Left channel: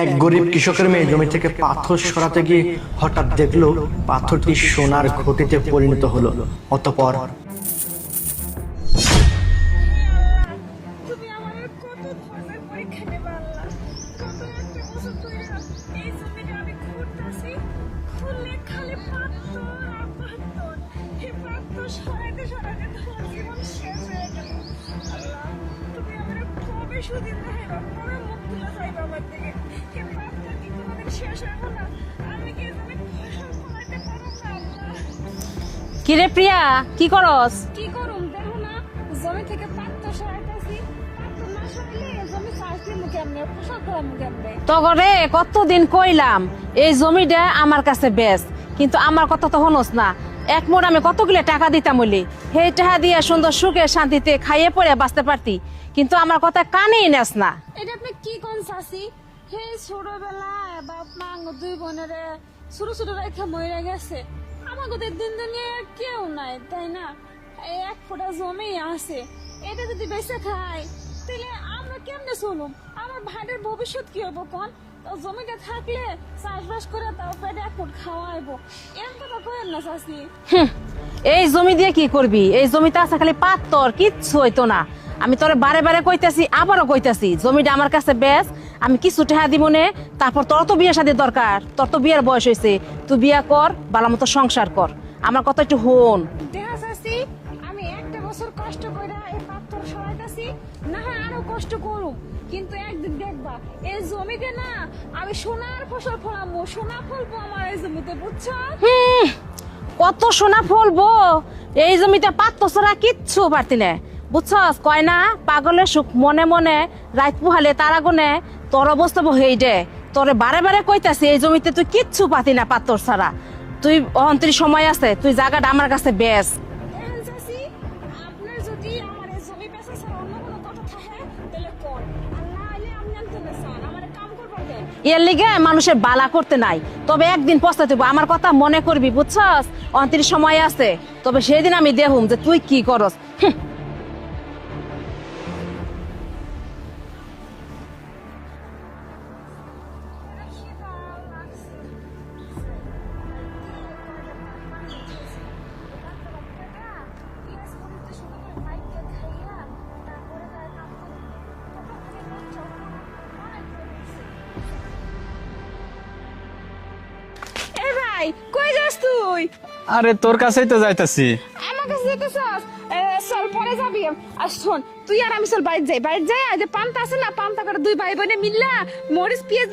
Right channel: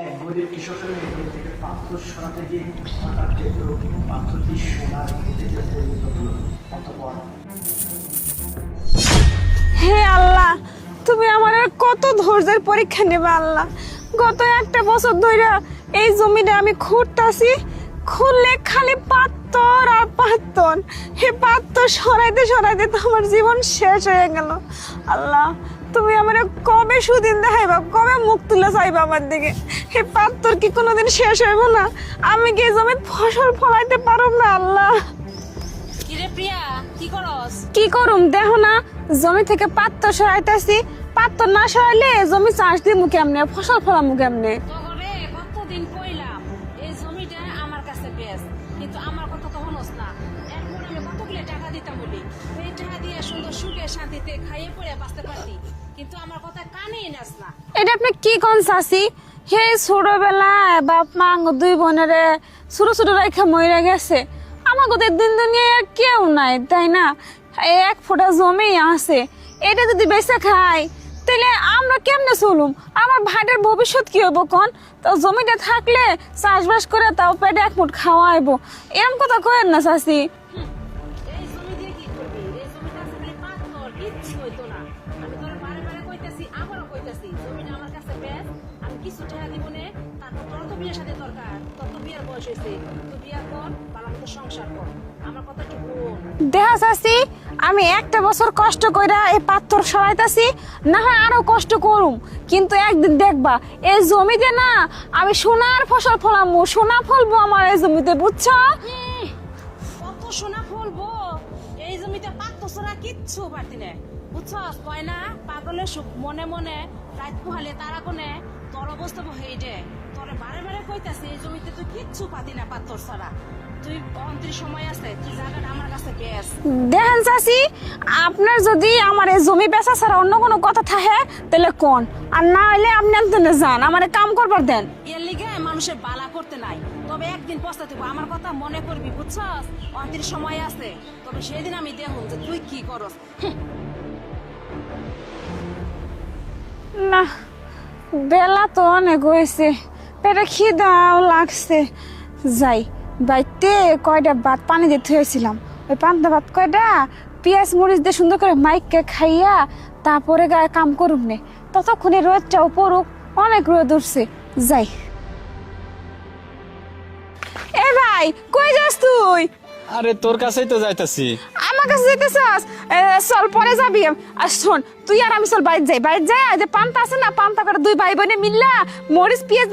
এক গরিব কৃষকের মেয়ে জমি থেকে পাথর সরাতে গিয়ে হঠাৎ দেখলো পাথরটি সোনার ঘটিতে পরিণত হলো। অতঃপর হে আল্লাহ, তুমি আমার আর কত ধৈর্যের পরীক্ষা নেবে আল্লাহ। গত একটা বছর ধরে এই জমিটা আমি খুঁড়তাছি, খুললে খালি পাথর আর পাথর। হে পাথর সরাইতে সরাইতে তো আমার জীবন শেষ হয়ে গেল। আল্লাহ, তুমি আমার কবে সুদিন দেখাইবা, কবে মুখ তুলে চাইবা আমার দিকে? হে পাথর কি কোনোদিন শেষ হইব না? আমি কি এই জমির ফসল ফলাইতে পারব না আল্লাহ? কিরে প্রিয়া, কি করস? কি করুম দেখো না, জমি থেকে পাত্র সরাইতেছি। পাত্র না সরাইলে জমি চাষ দিয়ে মুখে আমনে, ফসল ফলা মুখে আমনে। তগরে কতদিন কইলাম এই জমিটা আমার কাছে বেশ, কিন্তু আমার কথা তো হনস না। এক মোড় আমি কতগুলো টাকা দিতাম বলি, সেই টাকা দিয়ে সুন্দর সুখে শান্তিতে খাইয়ে পড়ে বাঁচতে পারতি, কিন্তু আমার কথা কানেই নেস না। এটা আপনি কি কোন চাষি? হে ছোটবেলায় বাপ মা দুই বোনেরে ছোট ছোট রেখা মরে গেছে। আমার গোদের দিন দুনিয়ায় আর কেউ নাই, তাই না? এই এক ফোঁটা জমি আছে, এটা যদি বেঁচে খাই তাহলে আমরা কেমনে চলুম? আমার ভাইটার ভবিষ্যৎ কি হবো কোন? তো জমিটা থাকলে চাষবাস করে তাও পেটে এক মুঠ খাওয়াইবো, এরকম কথা কয়েন না চাষি। এই জমি দিয়ে কি করবি? এই জমিতে আছে খালি পাথর, কিচ্ছু হইতো না। আমি তোরে বারে বারে কইতাছি, আবারও কইতাছি, জমিটা আমার কাছে বেশ, আমি কিছু টাকা দিব নে, তারপর তোর তো বিয়ে শাদী দরকার, তোর তো বিয়ের বয়স হয়েছে, তুই বিয়া কর, ভালো মতো সংসার কর, আমার কথা একটু হন। দেখা চাষি, আমি একটা বছর কষ্ট কইরা এই পাথর সরাইতাছি, না হয় আরো কষ্ট করুম, কিন্তু একদিন দেখবা এই জমিতে না আমি সোনার ফসল ফলামু, সোনা ফলবো আমার এই জমিতে, বুঝছো? কত সোনা ফলবো এই জমিতে, পাথর ছাড়া কিচ্ছু পারতি না, বুঝছস? কয় না পাগলের সুখ মনে মনে, রাত পুহালে তারা গুনে, তোর অবস্থা হই দে। তোরে বারে বারে কইতাছি এই জমিতে তুই কিচ্ছু পাতি না পাথর ছাড়া, তুই অন্তরি সময় আছে, তুই জায়গাটা আমার কাছে বেশ। দেখেন চাষি, আপনার যদি আমার এই জমি বেচা ছাড়া অন্য কোনো কথা থাকে তাহলে কোন, আর না হইলে আপনি আনতে যান, আমার কাম করবার দেন। এর লিগে মানুষের বালা করতে নাই, তবে একদিন পস্তাতে হবে, আমার কথা মনে করবি, বুঝছস? অন্তরি সময় আছে, তবে সেদিন আমি দেখুম যে তুই কি করস। না, বেলা তো অনেক হয়েছে, পেটে খিদাও লাগছে। যাই বাইতে কয়টা ভাত পানি দিয়ে থুয়েছিলাম, ওই পান্তা ভাত কয়টা পেঁয়াজ মরিচ দিয়ে সুন্দর করে মাইককে খাইয়া তারপরে গায়ে কাম করুক নে, ততক্ষণে রোদটাও পড়ুক, অনেক রোদ উঠছে। যাই। এ ভাই, কই যাস তুই? আরে তোর কাছেই তো যাইতাছি। আমার কাছে যেতে চাস? চল পরে যাবি। আর শোন, তুই আর আমি চল বাইরে যাই, বাইরে যাই, যে পান্তা আছে না, পান্তা করে দুই ভাই বোনে মিললা মরিচ পেঁয়াজ